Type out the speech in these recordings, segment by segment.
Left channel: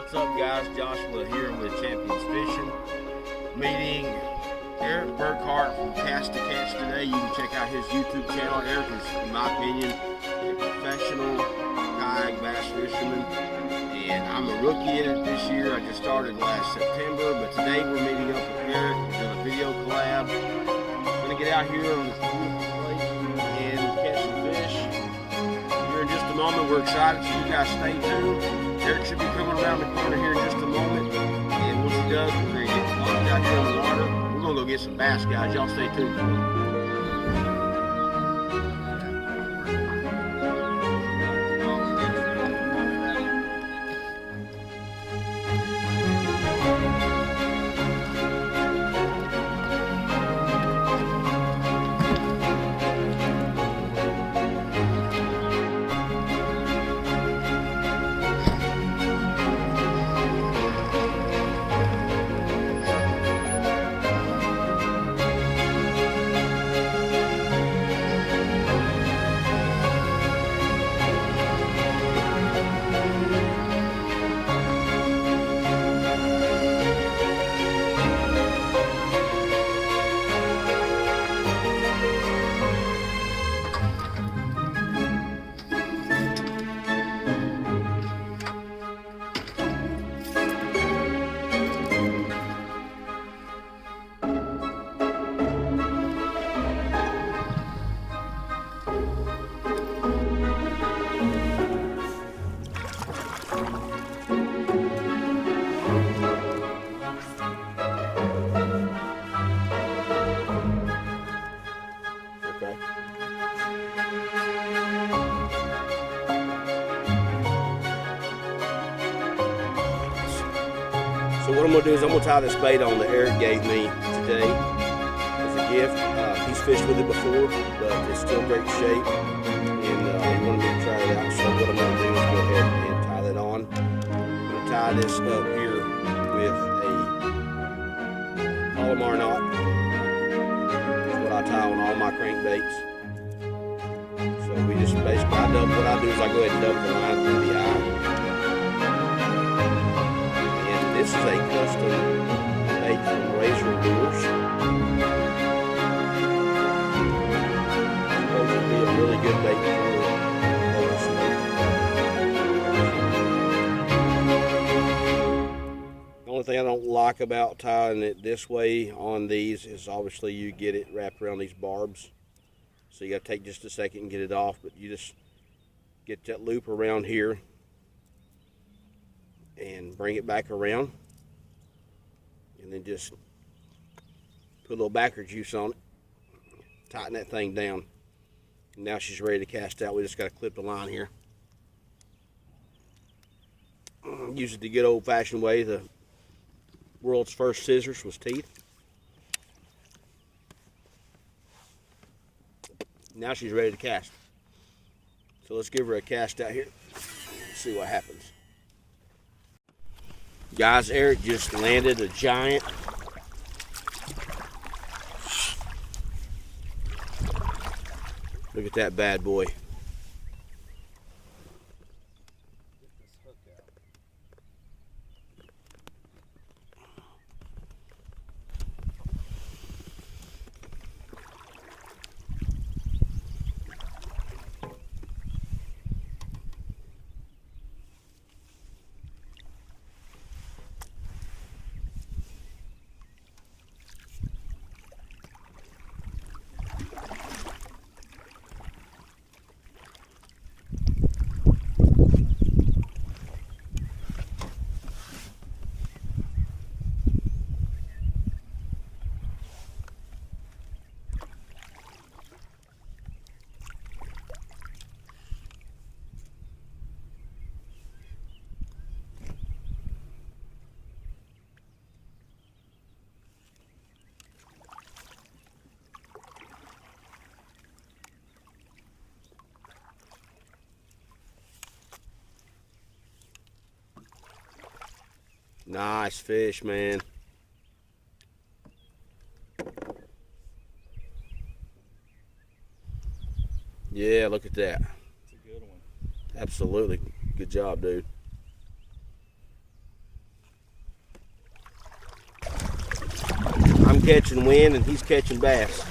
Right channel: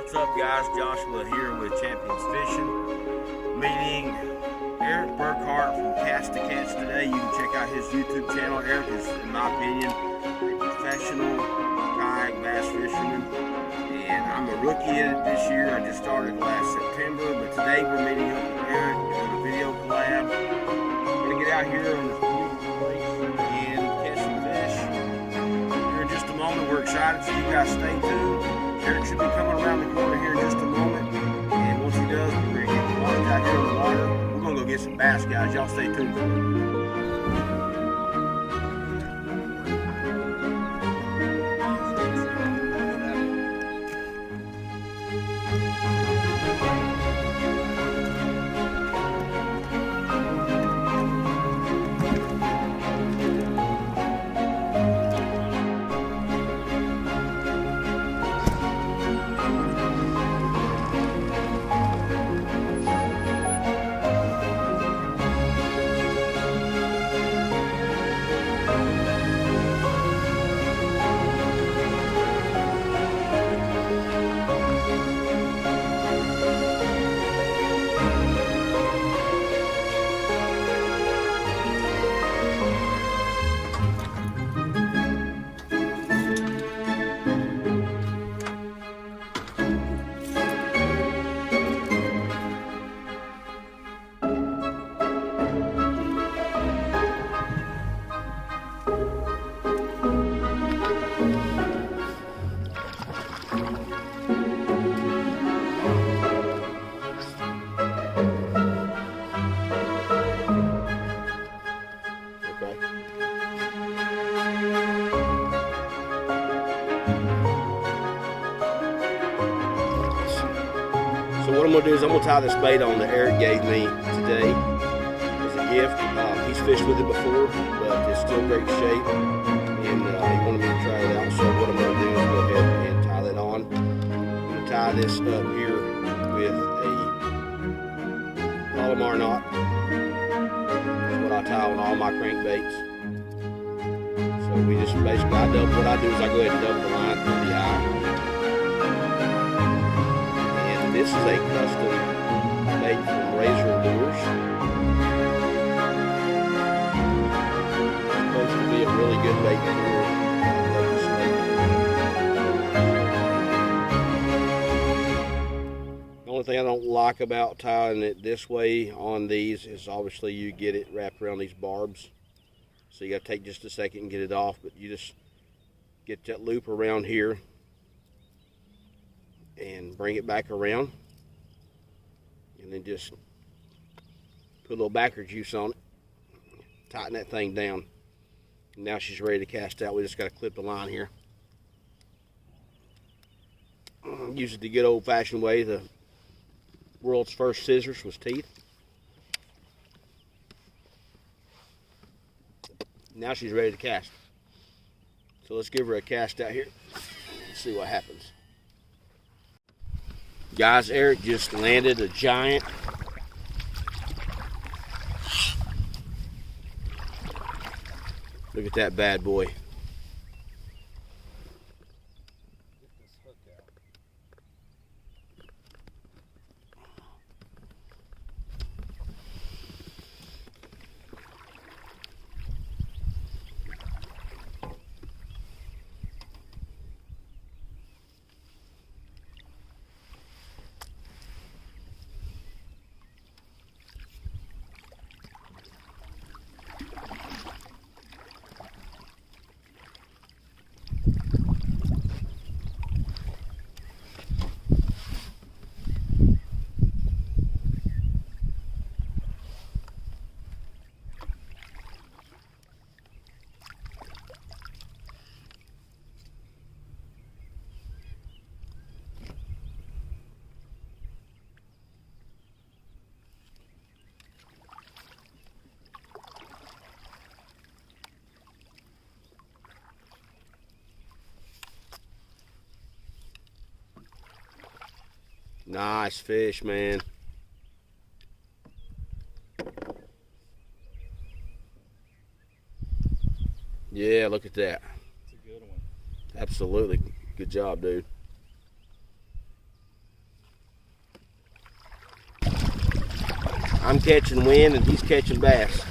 What's up, guys? Joshua here with Champions Fishing. Meeting Eric Burkhart from Cast to Catch today. You can check out his YouTube channel. Eric is, in my opinion, a professional kayak bass fisherman, and I'm a rookie in it this year. I just started last September, but today we're meeting up with Eric. We're doing a video collab. We're gonna get out here on this beautiful lake and catch some fish. Here in just a moment. We're excited, so you guys stay tuned. Eric should be coming around the corner here in just a moment, and once he does, we're going to get launched out here on the water. We're going to go get some bass, guys. Y'all stay tuned for it. So what I'm going to do is I'm going to tie this bait on that Eric gave me today as a gift. He's fished with it before, but it's still great shape, and he wanted me to try it out. So what I'm going to do is go ahead and tie that on. I'm going to tie this up here with a Collab knot. That's what I tie on all my crankbaits. So we just basically, what I do is I go ahead and double the line through the eye. This is a custom bait from Razor Lures. It's supposed to be a really good bait for local snake. The only thing I don't like about tying it this way on these is obviously you get it wrapped around these barbs. So you got to take just a second and get it off, but you just get that loop around here and bring it back around, and then just put a little backer juice on it, tighten that thing down, and now she's ready to cast out. We just got to clip the line here. Use it the good old-fashioned way, the world's first scissors with teeth. Now she's ready to cast. So let's give her a cast out here and see what happens. Guys, Eric just landed a giant. Look at that bad boy. Nice fish, man. Yeah, look at that. It's a good one. Absolutely. Good job, dude. I'm catching wind and he's catching bass.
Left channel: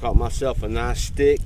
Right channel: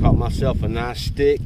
Caught myself a nice stick.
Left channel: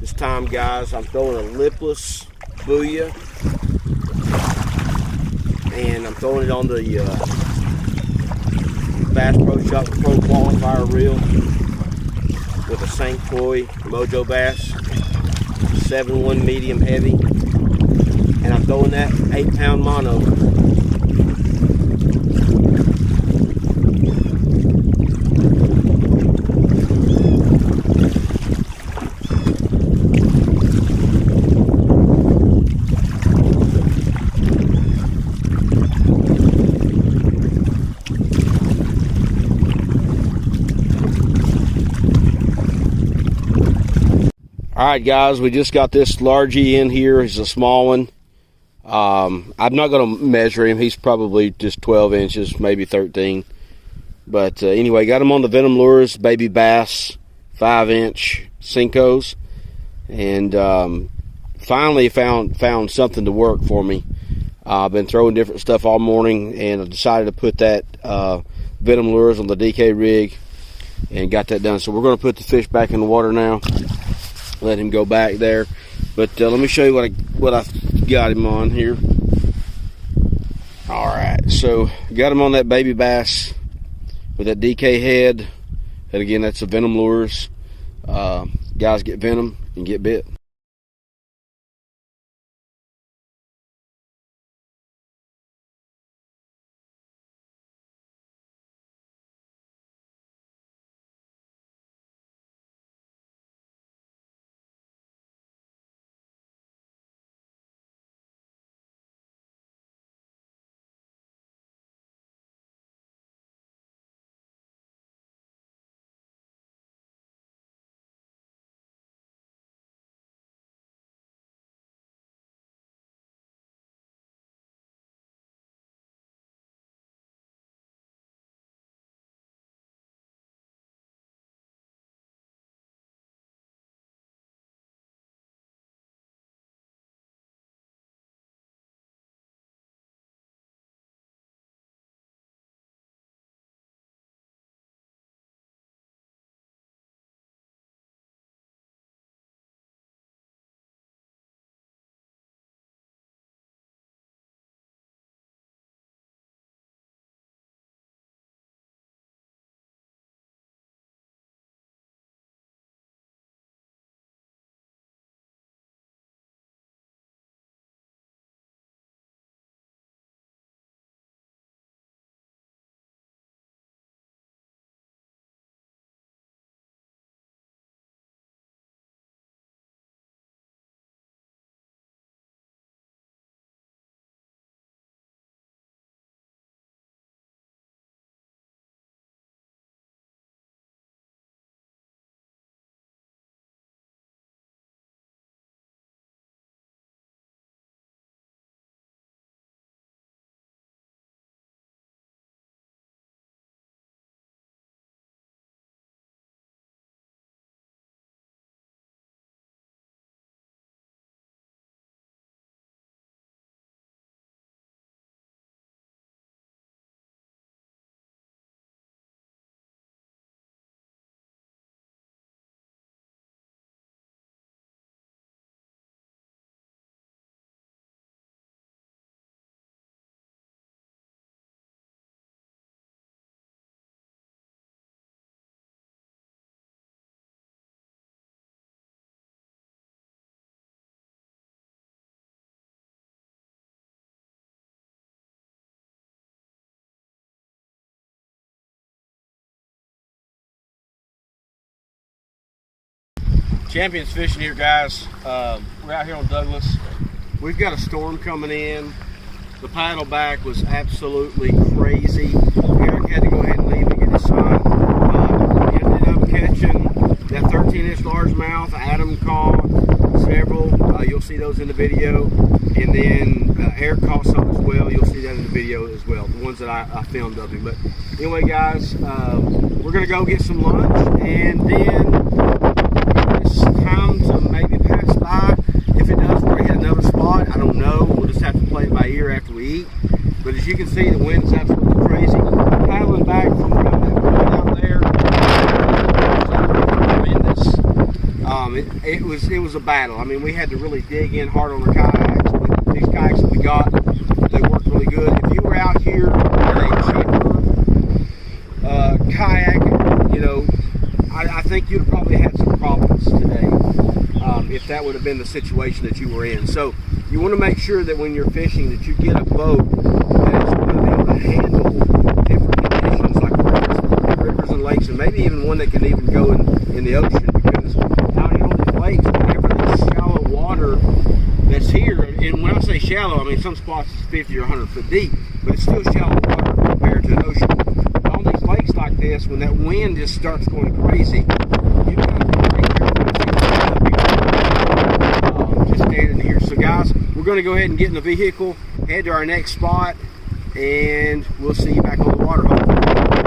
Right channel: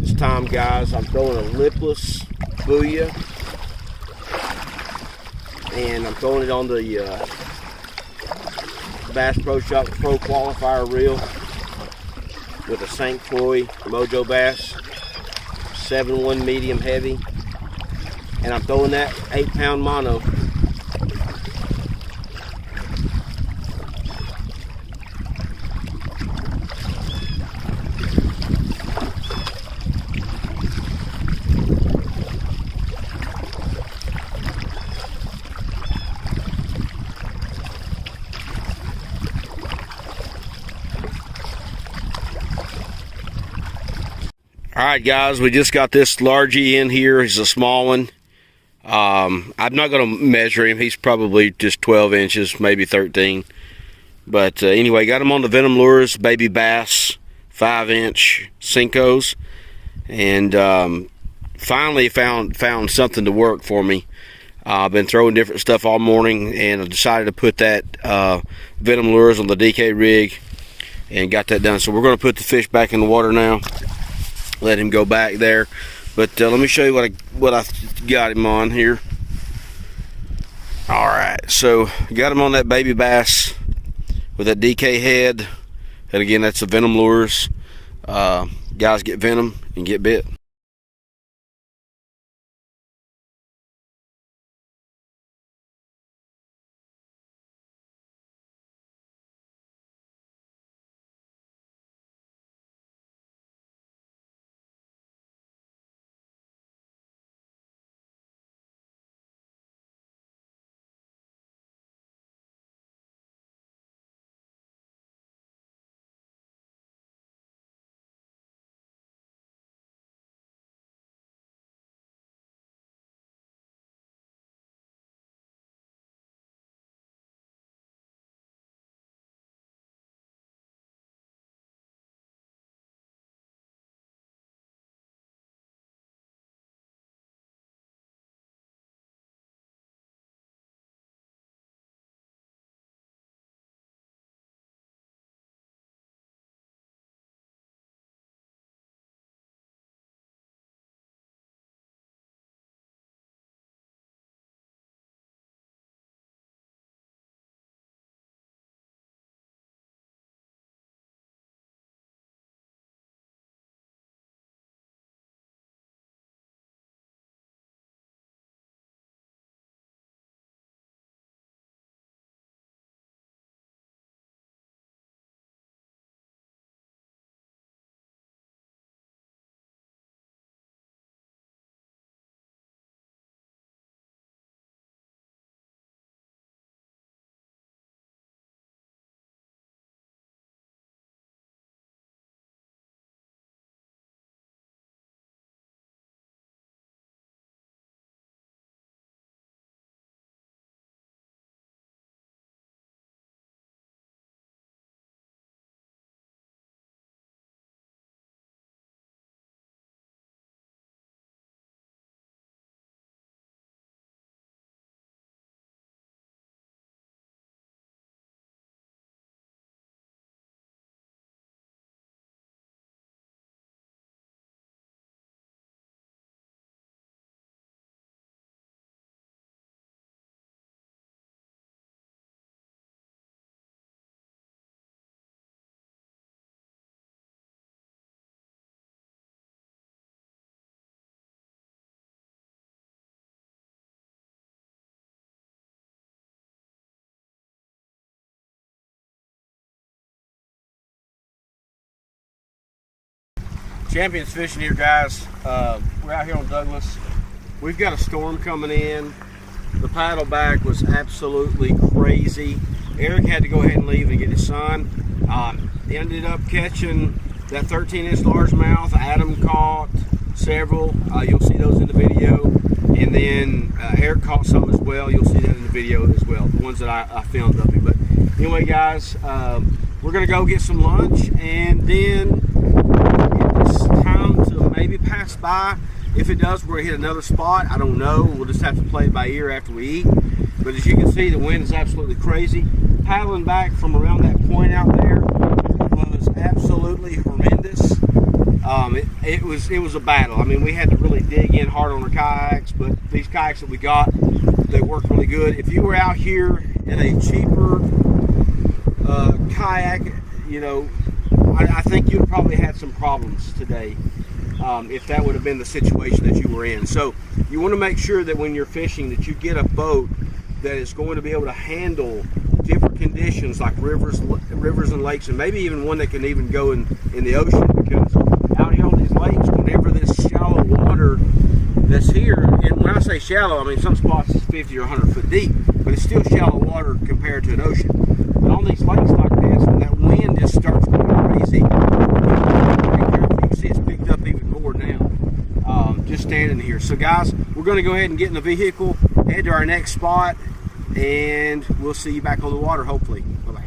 This time, guys, I'm throwing a lipless booyah, and I'm throwing it on the Bass Pro Shop Pro Qualifier reel with a St. Croix Mojo Bass 7-1 medium heavy, and I'm throwing that 8-pound mono. Alright guys, we just got this largie in here. He's a small one. I'm not going to measure him. He's probably just 12 inches, maybe 13. But anyway, got him on the Venom lures, baby bass, 5-inch Senkos. And finally found something to work for me. I've been throwing different stuff all morning, and I decided to put that Venom lures on the DK rig and got that done. So we're going to put the fish back in the water now. Let him go back there, but let me show you what I got him on here. All right, so got him on that baby bass with that DK head, and again, that's the Venom lures. Guys, get Venom and get bit. Champions fishing here, guys. We're out here on Douglas. We've got a storm coming in. The paddle back was absolutely crazy. Eric had to go ahead and leave to get his son. He ended up catching that 13-inch largemouth. Adam caught several. You'll see those in the video. And then Eric caught some as well. You'll see that in the video as well, the ones that I filmed of him. But anyway, guys, we're going to go get some lunch, and then it's time to maybe pass by. If it does, we're going to hit another spot. I don't know. We'll just have to play it by ear after we eat. But as you can see, the wind is absolutely crazy. Paddling back from around that point out there was absolutely tremendous. It was a battle. I mean, we had to really dig in hard on our kayaks, but these kayaks that we got, they work really good. If you were out here in a cheaper kayak, you know, I think you'd have probably had some problems today if that would have been the situation that you were in. So you want to make sure that when you're fishing that you get a boat that is going to be able to handle different conditions like rivers and lakes, and maybe even one that can even go in the ocean, because out here on these lakes, whenever this shallow water that's here, and when I say shallow, I mean some spots is 50 or 100 foot deep, but it's still shallow water compared to an ocean. But on these lakes like this, when that wind just starts going crazy, just standing here. So guys, we're going to go ahead and get in the vehicle, head to our next spot, and we'll see you back on the water hopefully.